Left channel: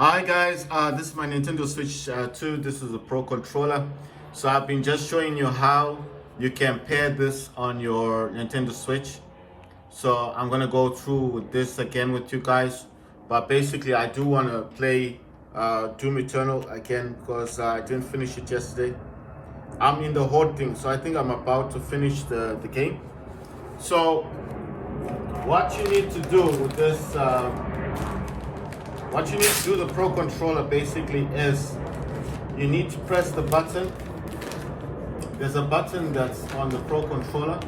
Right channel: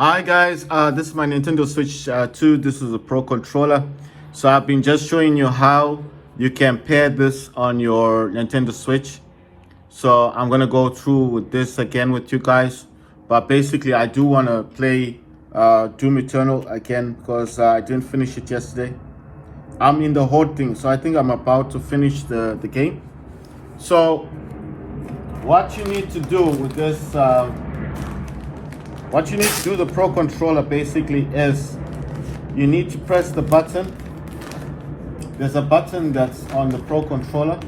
Hi guys, this is my Nintendo Switch 2. This is a Pro controller. So I've been just showing you how you can pair this on your Nintendo Switch. So I'm gonna go through with this again with you guys. But basically I do wanna play Doom Eternal again because I didn't finish it yesterday. I'm in the whole thing, so I think I'm about to finish the game. So what you need to do with this what you need to do the Pro controller basically is you need to press the button. There's a button that's on the Pro controller,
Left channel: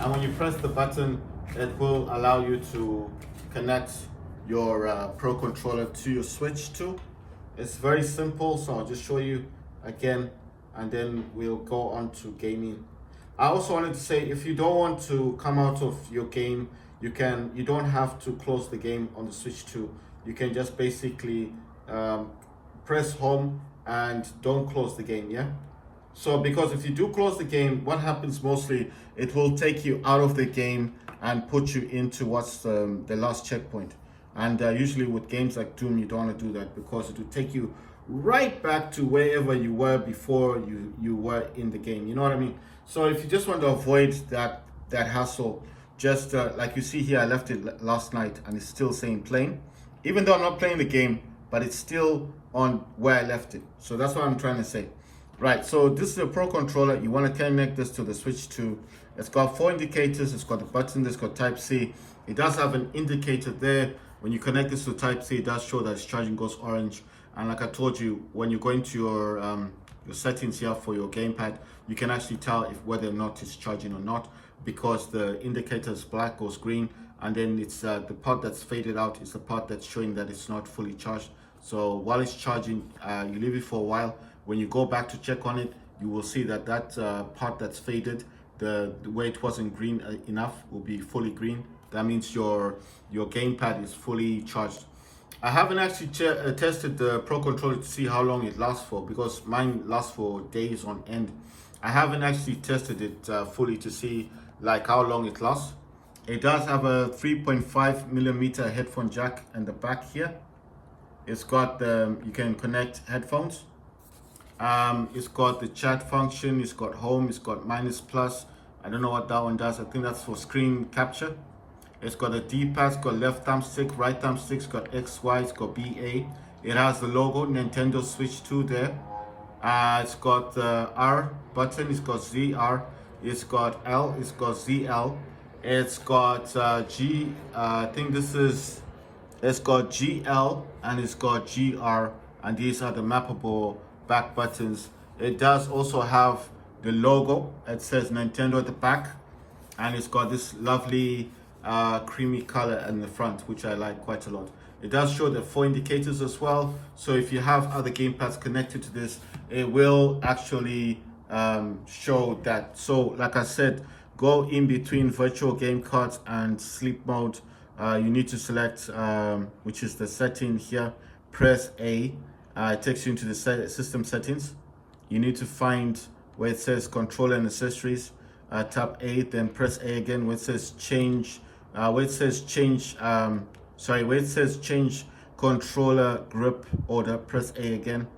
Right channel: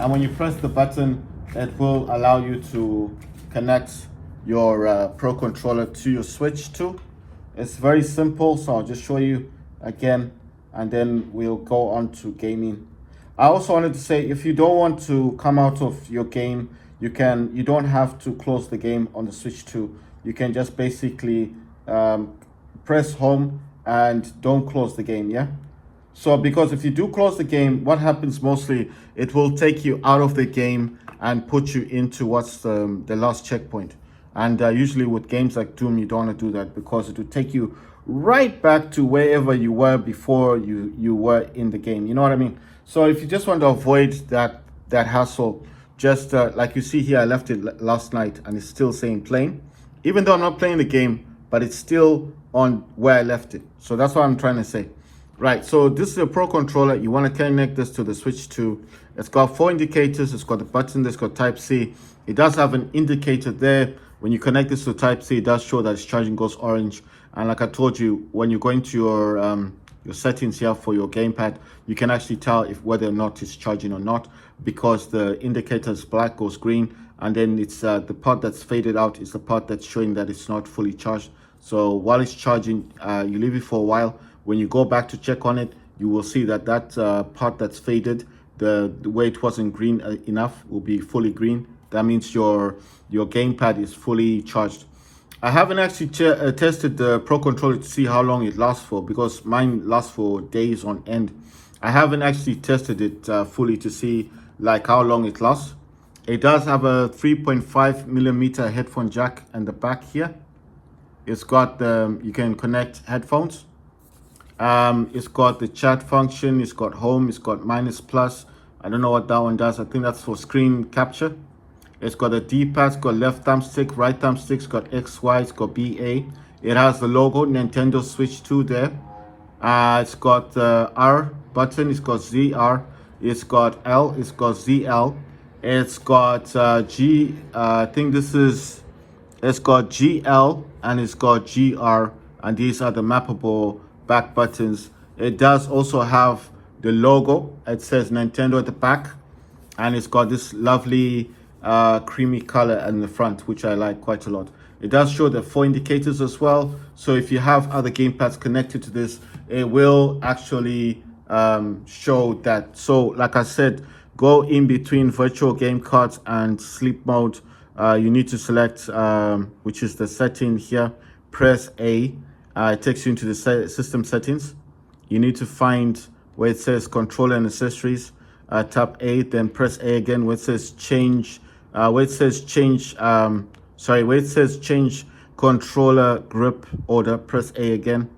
and when you press the button it will allow you to connect your Pro controller to your Switch 2. It's very simple, so I'll just show you again and then we'll go on to gaming. I also wanted to say, if you don't want to come out of your game, you don't have to close the game on the Switch 2. You can just basically press home and don't close the game, yeah? So because if you do close the game, what happens mostly, it will take you out of the game and put you into what's the last checkpoint. And usually with games like Doom, you don't want to do that because it will take you right back to wherever you were before you were in the game. You know what I mean? So if you just want to avoid that hassle, just like you see here, I left it last night and it's still saying playing. Even though I'm not playing the game, but it's still on where I left it. So that's what I'm trying to say. Right, so this is a Pro controller. You want to connect this to the Switch 2. It's got 4 indicators. It's got the button. It's got Type-C. It does have an indicator there. When you connect this to Type-C, it does show that its charging goes orange. And like I told you, when you go into your settings here for your gamepad, you can actually tell if whether or not it's charging or not, because the indicator is black, goes green, and then it's the part that's faded out is the part that's showing that it's not fully charged. So while it's charging, you leave it for a while. When you go back to check on it, you will see that part that's faded, the way it wasn't green enough, will be fully green. That means your gamepad is fully charged. I haven't actually tested the Pro controller to see how long it lasts for, because mine lasts for days on end. I haven't actually tested it fully to see like how long it lasts. It does have a 3.5mm headphone jack in the back here. It's got you can connect headphones. It's got the chat function. It's got home. It's got minus plus. I don't know what that one does. I think that's for screen capture. It's got a D-pad, it's got left thumbstick, right thumbstick, it's got X, Y, it's got BA. It has the logo, Nintendo Switch 2 there. It's got the R button, it's got ZR, it's got L, it's got ZL. It's got G, I think it's got GL and it's got GR. And these are the mappable back buttons. It does also have the logo. It says Nintendo at the back. And it's got this lovely creamy color in the front, which I like quite a lot. It does show the 4 indicators as well, so if you have other gamepads connected to this, it will actually show that. So like I said, go in between virtual game cards and sleep mode. You need to select which is the setting here, press A. It takes you into the system settings. You need to find where it says controller and accessories, tap A, then press A again where it says change where it says change controller grip order, press A again.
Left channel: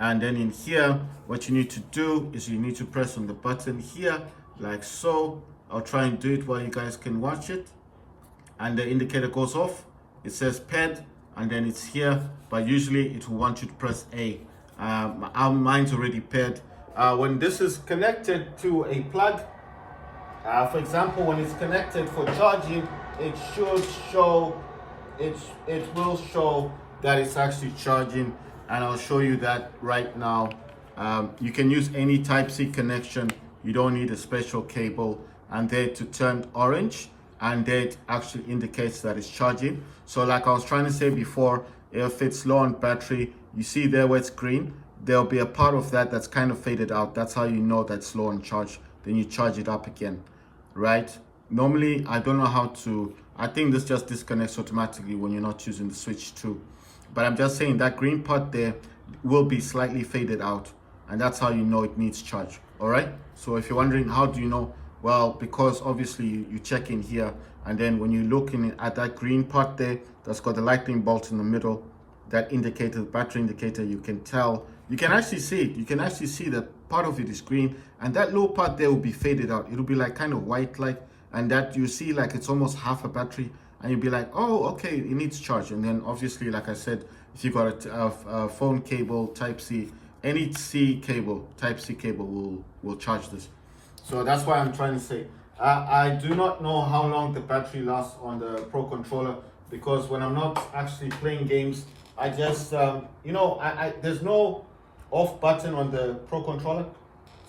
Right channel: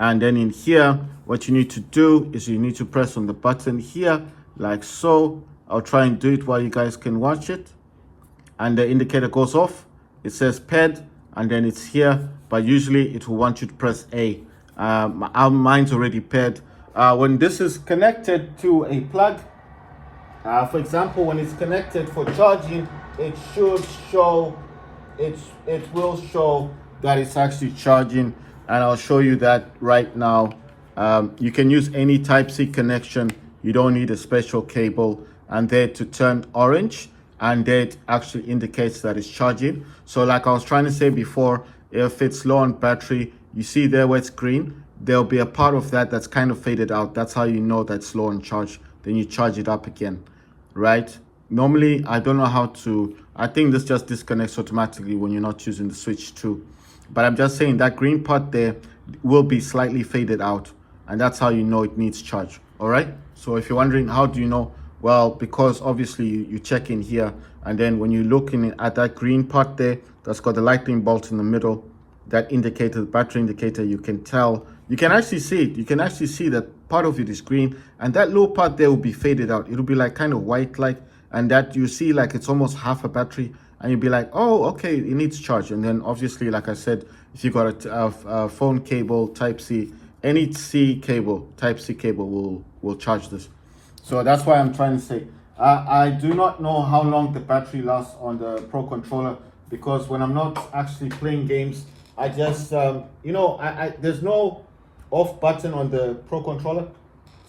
And then in here, what you need to do is you need to press on the button here, like so. I'll try and do it while you guys can watch it. And the indicator goes off. It says paired, and then it's here, but usually it will want you to press A. Mine's already paired. When this is connected to a plug, for example, when it's connected for charging, it should show, it will show that it's actually charging, and I'll show you that right now. You can use any Type-C connection. You don't need a special cable, and there to turn orange, and that actually indicates that it's charging. So like I was trying to say before, if it's low on battery, you see there where it's green, there'll be a part of that that's kind of faded out. That's how you know that's low on charge. Then you charge it up again, right? Normally, I don't know how to, I think this just disconnects automatically when you're not using the Switch 2. But I'm just saying that green part there will be slightly faded out, and that's how you know it needs charge, all right? So if you're wondering, how do you know? Well, because obviously you check in here, and then when you're looking at that green part there, that's got the lightning bolt in the middle, that indicator, the battery indicator, you can tell, you can actually see it. You can actually see that part of it is green, and that low part there will be faded out. It'll be like kind of white like, and that you see like it's almost half a battery, and you'll be like, oh, okay, it needs charge. And then obviously, like I said, if you got a phone cable, Type C, any C cable, Type C cable will charge this. So that's why I'm trying to say, I do not know how long the battery lasts on the Pro Controller, because when I'm not actually playing games, I just, you know, there's no off button on the Pro Controller.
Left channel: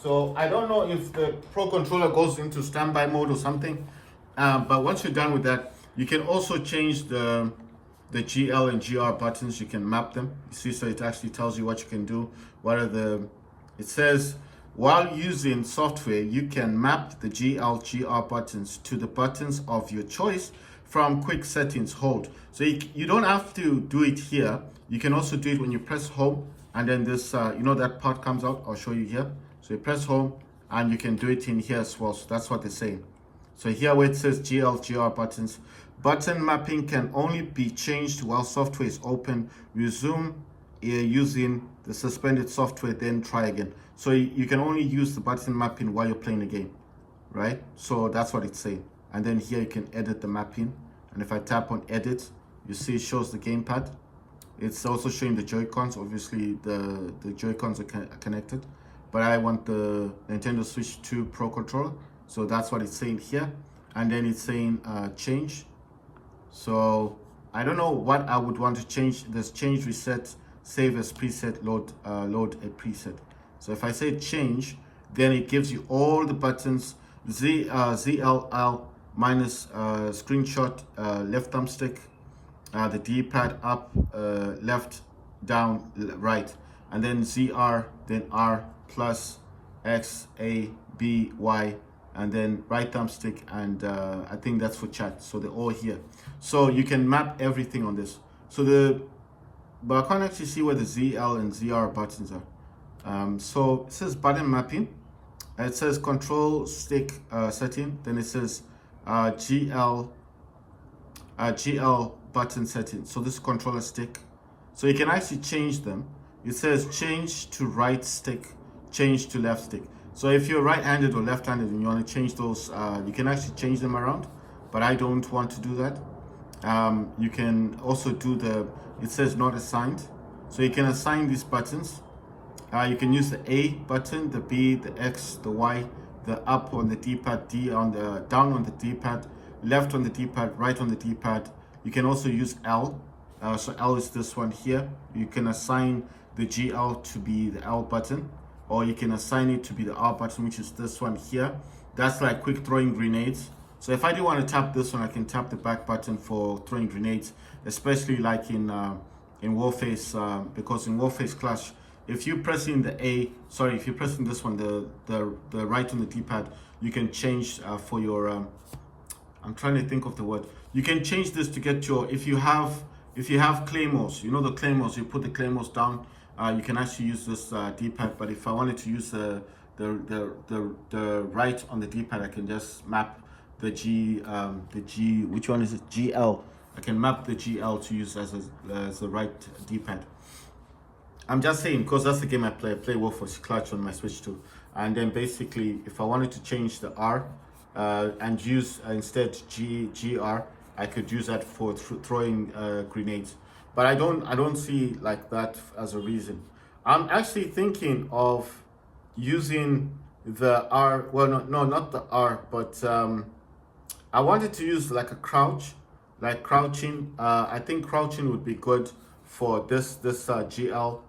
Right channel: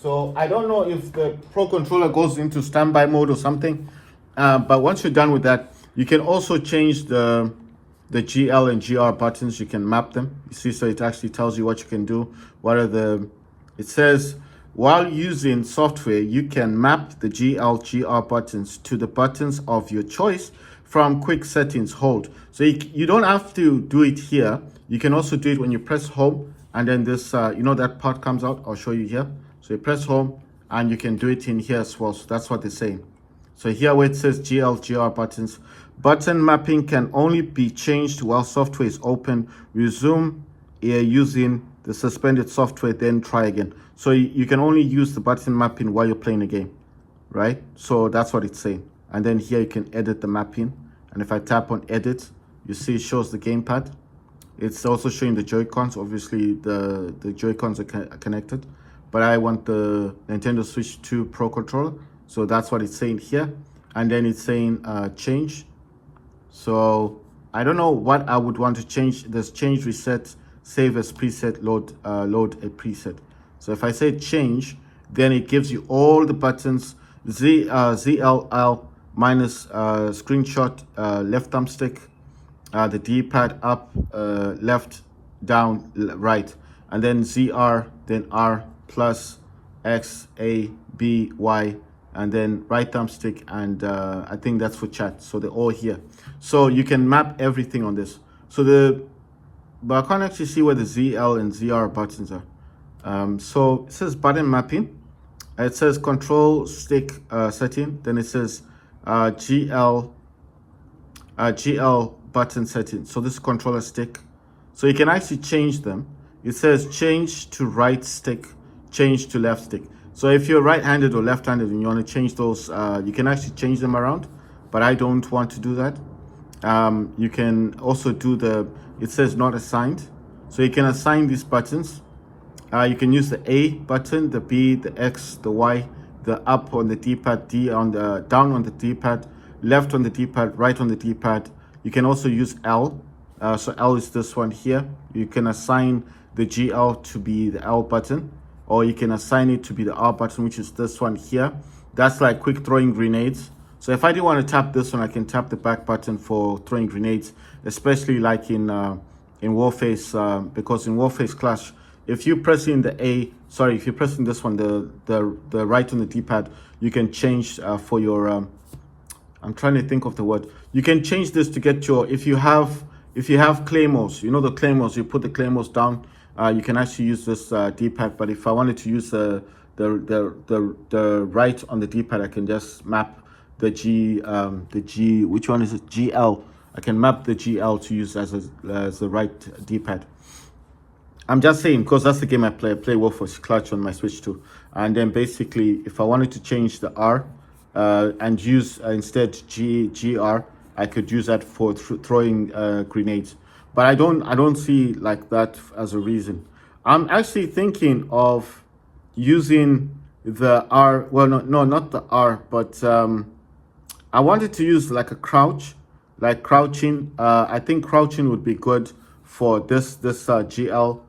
So I don't know if the Pro Controller goes into standby mode or something. But once you're done with that, you can also change the GL and GR buttons. You can map them. You see, so it actually tells you what you can do. What are the, it says, while using software, you can map the GL, GR buttons to the buttons of your choice from quick settings hold. So you don't have to do it here. You can also do it when you press home, and then this, you know, that part comes out. I'll show you here. So you press home, and you can do it in here as well. So that's what they're saying. So here where it says GL, GR buttons, button mapping can only be changed while software is open. Resume using the suspended software, then try again. So you can only use the button mapping while you're playing a game, right? So that's what it's saying. And then here you can edit the mapping. And if I tap on edit, you see it shows the gamepad. It's also showing the Joy-Cons. Obviously the Joy-Cons are connected, but I want the Nintendo Switch 2 Pro Controller. So that's what it's saying here. And then it's saying change. So I don't know what I would want to change. There's change, reset, save as preset, load a preset. So if I say change, then it gives you all the buttons, ZLL minus screenshot, left thumbstick, the D-pad up, left, down, right, and then ZR, then R, plus, X, A, B, Y, and then right thumbstick, and I think that's for chat. So they're all here. So you can map everything on this. So but I can't actually see where the ZL and ZR buttons are. So it says button mapping. It says control stick setting. Then it says GL button setting. So this is controller stick. So you can actually change them. It says change to right stick, change to left stick. So if you're right-handed or left-handed and you want to change those, you can actually change them around, but I don't want to do that. You can also do it says not assigned. So you can assign these buttons. You can use the A button, the B, the X, the Y, the up on the D-pad, D on the down on the D-pad, left on the D-pad, right on the D-pad. You can also use L. So L is this one here. You can assign the GL to be the L button, or you can assign it to be the R button, which is this one here. That's like quick throwing grenades. So if I didn't want to tap this one, I can tap the back button for throwing grenades, especially like in Warface, because in Warface Clash, if you press in the if you're pressing this one, the right on the D-pad, you can change for your, I'm trying to think of the word. You can change this to get your, if you have claymores, you know the claymores, you put the claymores down, you can actually use this D-pad. But if I wanted to use the right on the D-pad, I can just map the G, which one is it? GL. I can map the GL to use as the right D-pad. I'm just saying, because that's the game I play. I play Warface Clash on my Switch 2. And then basically, if I wanted to change the R and use instead GR, I could use that for throwing grenades. But I don't see like that as a reason. I'm actually thinking of using the R. Well, no, not the R, but I wanted to use like a crouch, like crouching. I think crouching would be good for this GL.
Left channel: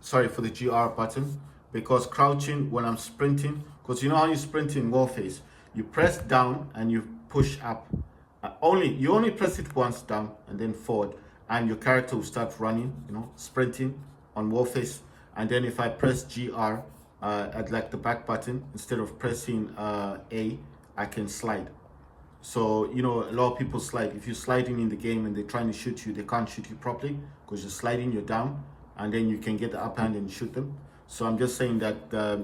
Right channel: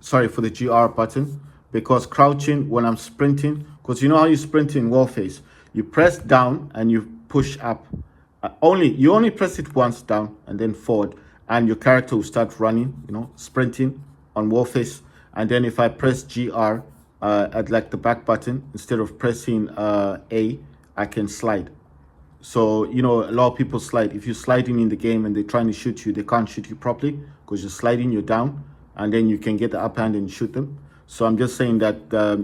Sorry, for the GR button, because crouching when I'm sprinting, because you know how you sprint in Warface, you press down and you push up. You only press it once down and then forward, and your character will start running, you know, sprinting on Warface. And then if I press GR at like the back button, instead of pressing A, I can slide. So, you know, a lot of people slide. If you're sliding in the game and they're trying to shoot you, they can't shoot you properly because you're sliding, you're down, and then you can get the up hand and shoot them. So I'm just saying that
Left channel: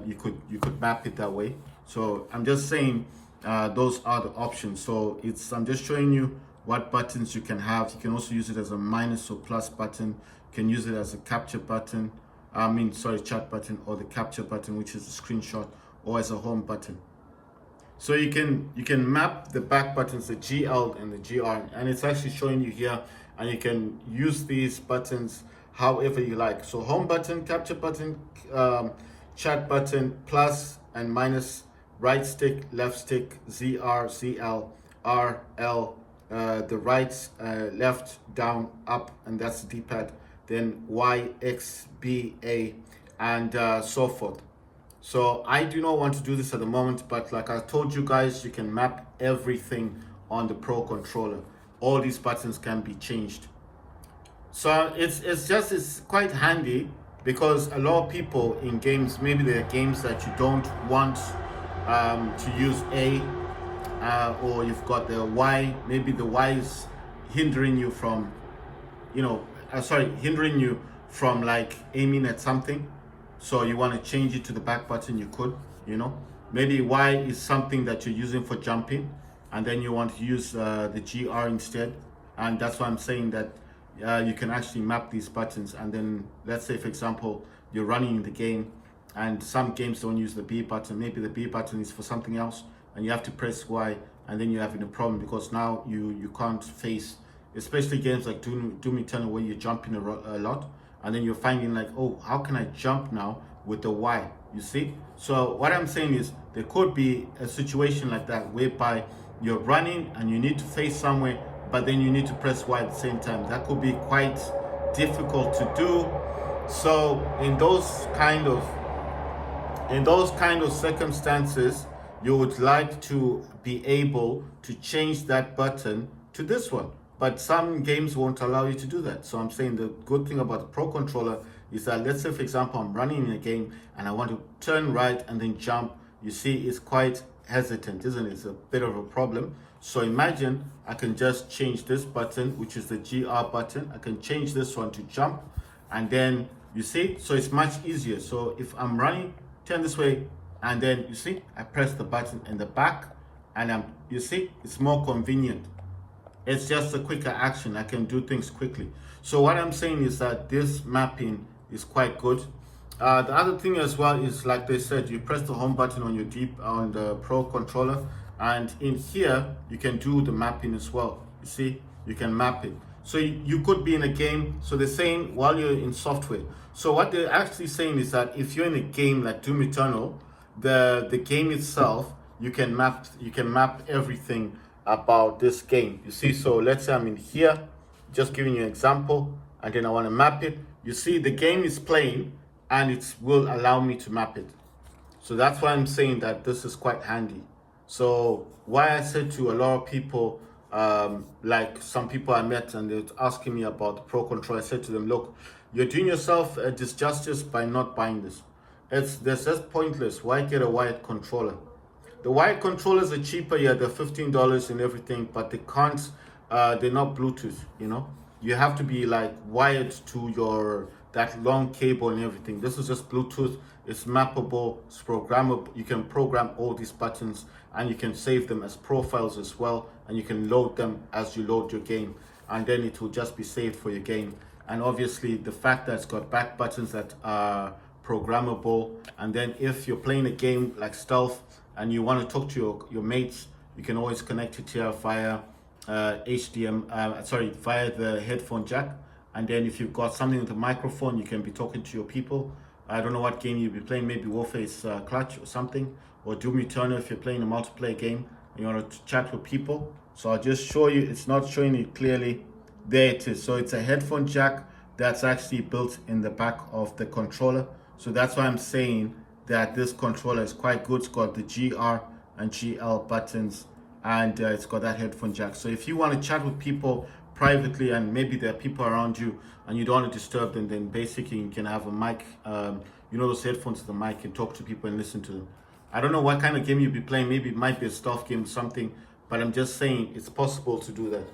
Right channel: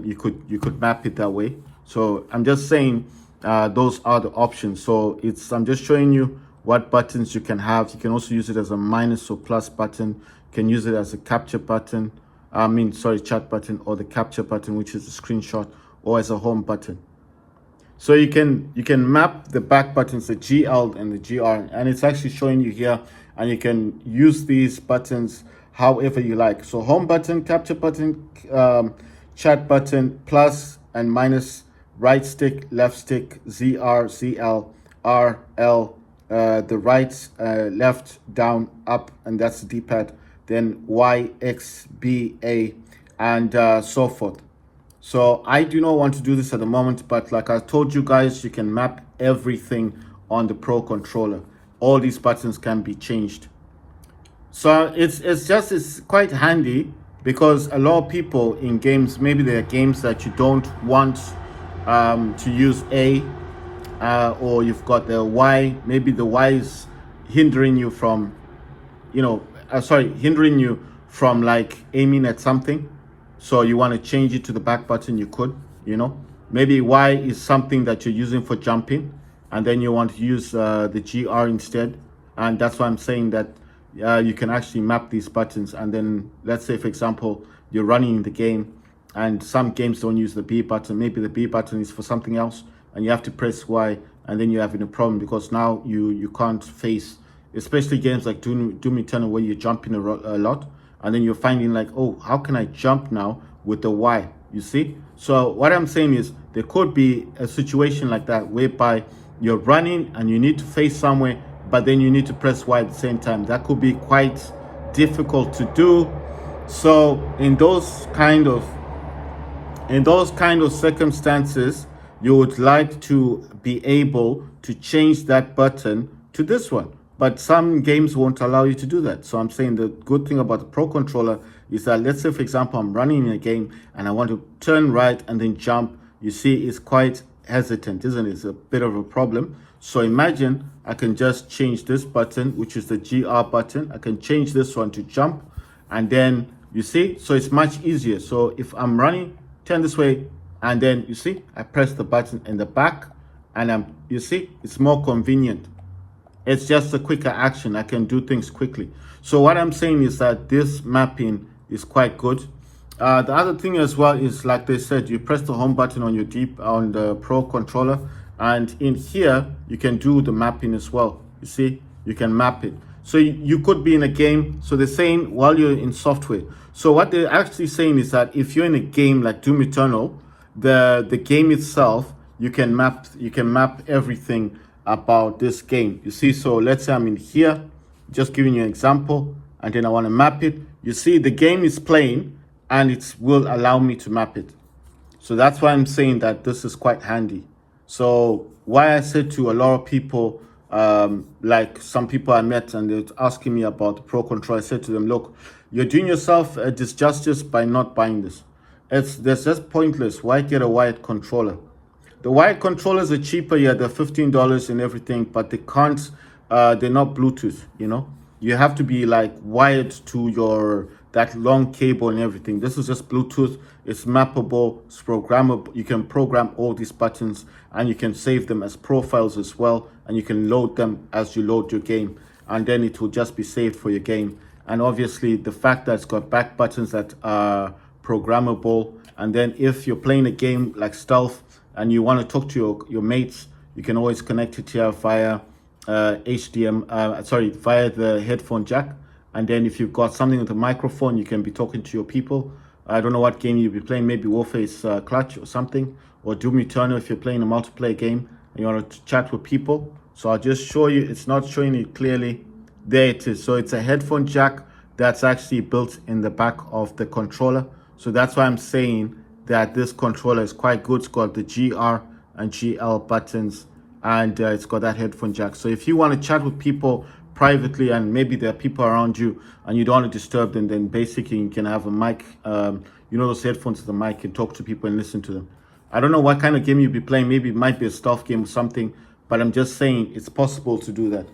you could map it that way. So I'm just saying those are the options. So I'm just showing you what buttons you can have. You can also use it as a minus or plus button. You can use it as a capture button. Chat button, or the capture button, which is a screenshot, or as a home button. So you can map the back buttons, the GL and the GR, and it's actually showing you here, and you can use these buttons however you like. So home button, capture button, chat button, plus and minus, right stick, left stick, ZR, CL, R, L, the right, left, down, up, and that's the D-pad, then Y, X, B, A, and so forth. So I do not want to do this at the moment, but like I told you guys, you can map everything on the Pro Controller. All these buttons can be changed. So it's quite handy, because a lot of people in games, maybe there are games that you don't want to use A, or you've got the Y, maybe the Y is hindering you from, hindering you from like aiming at something. So you want to change it to the back button, you could, maybe Y is something that you're using for jumping, and then you want to use the GR instead. And that's why I'm saying that you can actually map these buttons. And then let's say, for example, you're running the game, and some games don't use the B button. Maybe the B button is for something else, and you have to press Y, and then you're having a problem, because now you can't face, especially games like Doom Eternal, where you're jumping a lot, and then you're finding like, oh, how can I jump now with the Y? You see? So what I'm saying is, there could be a situation like that, whereby you're running and you need to face somewhere, but then you need to press Y at the same time. That could be quite difficult to do. So in those kind of circumstances, you would like to be able to change that button to this one. But some games won't allow you to do that. So I'm saying the good thing about the Pro Controller is that, let's say, for example, I'm running in a game and I want to turn right and then jump. You see, it's quite hesitant, isn't it? It's a bit of a problem. So imagine I can just change this button, which is the GR button. I can change this one to jump, and then you see, so it's much easier. So if I'm running, turn this way, and then you see, I press the button in the back, and you see, it's more convenient. It's just a quicker action. I can do things quickly. So what I'm saying is that this mapping is quite good. The other thing as well is, like they said, you press the home button on on the Pro Controller, and in here you can do the mapping as well. You see, you can map it. So you could be in a game. So they're saying while you're in software. So what they're actually saying is that if you're in a game like Doom Eternal, the game itself, you can map everything about this game. You see, so let's say I'm in here, just giving you an example, and then I want to map it. You see, the game is playing, and it will allow me to map it. So that's why I'm saying that this is quite handy. So why I said to a lot of people, like some people I met, and they were asking me about the Pro Controller, I said to them, look, you're doing yourself a disjustice by not buying this. That's just pointless. Why get a wired controller? The wired controllers are cheaper, yeah, they're $15 and everything, but they're not Bluetooth, You have to be like wired to that long cable and everything. This is just Bluetooth. It's mappable, it's programmable. You can program all these buttons, and you can save them as profiles as well, and you can load them as you load your game, and then it will just be saved for your game. And obviously the fact that it's got back buttons that are programmable, and then if you're playing a game like Stealth and you want to talk to your mates, you can always connect it here via via the headphone jack. And then if you've got something with a microphone, you can be talking to your people. I don't know what game you'll be playing, maybe Warface Clutch or something, or Doom Eternal if you're playing a multiplayer game and you want to chat with people. So I'll just show you, it's not showing it clearly. There it is. So it's a headphone jack that's actually built in the back of the controller. So that's why I'm saying that this controller is quite good. It's got the GR and GL buttons, and it's got that headphone jack. So if you want to chat with people privately, and maybe there are people around you and you don't want to disturb them, then basically you can have a mic, those headphones with the mic, and talk to people and listen to them. I don't know what kind of game you'll be playing. Maybe it might be a stealth game or something, but I'm just saying it's possible to do that.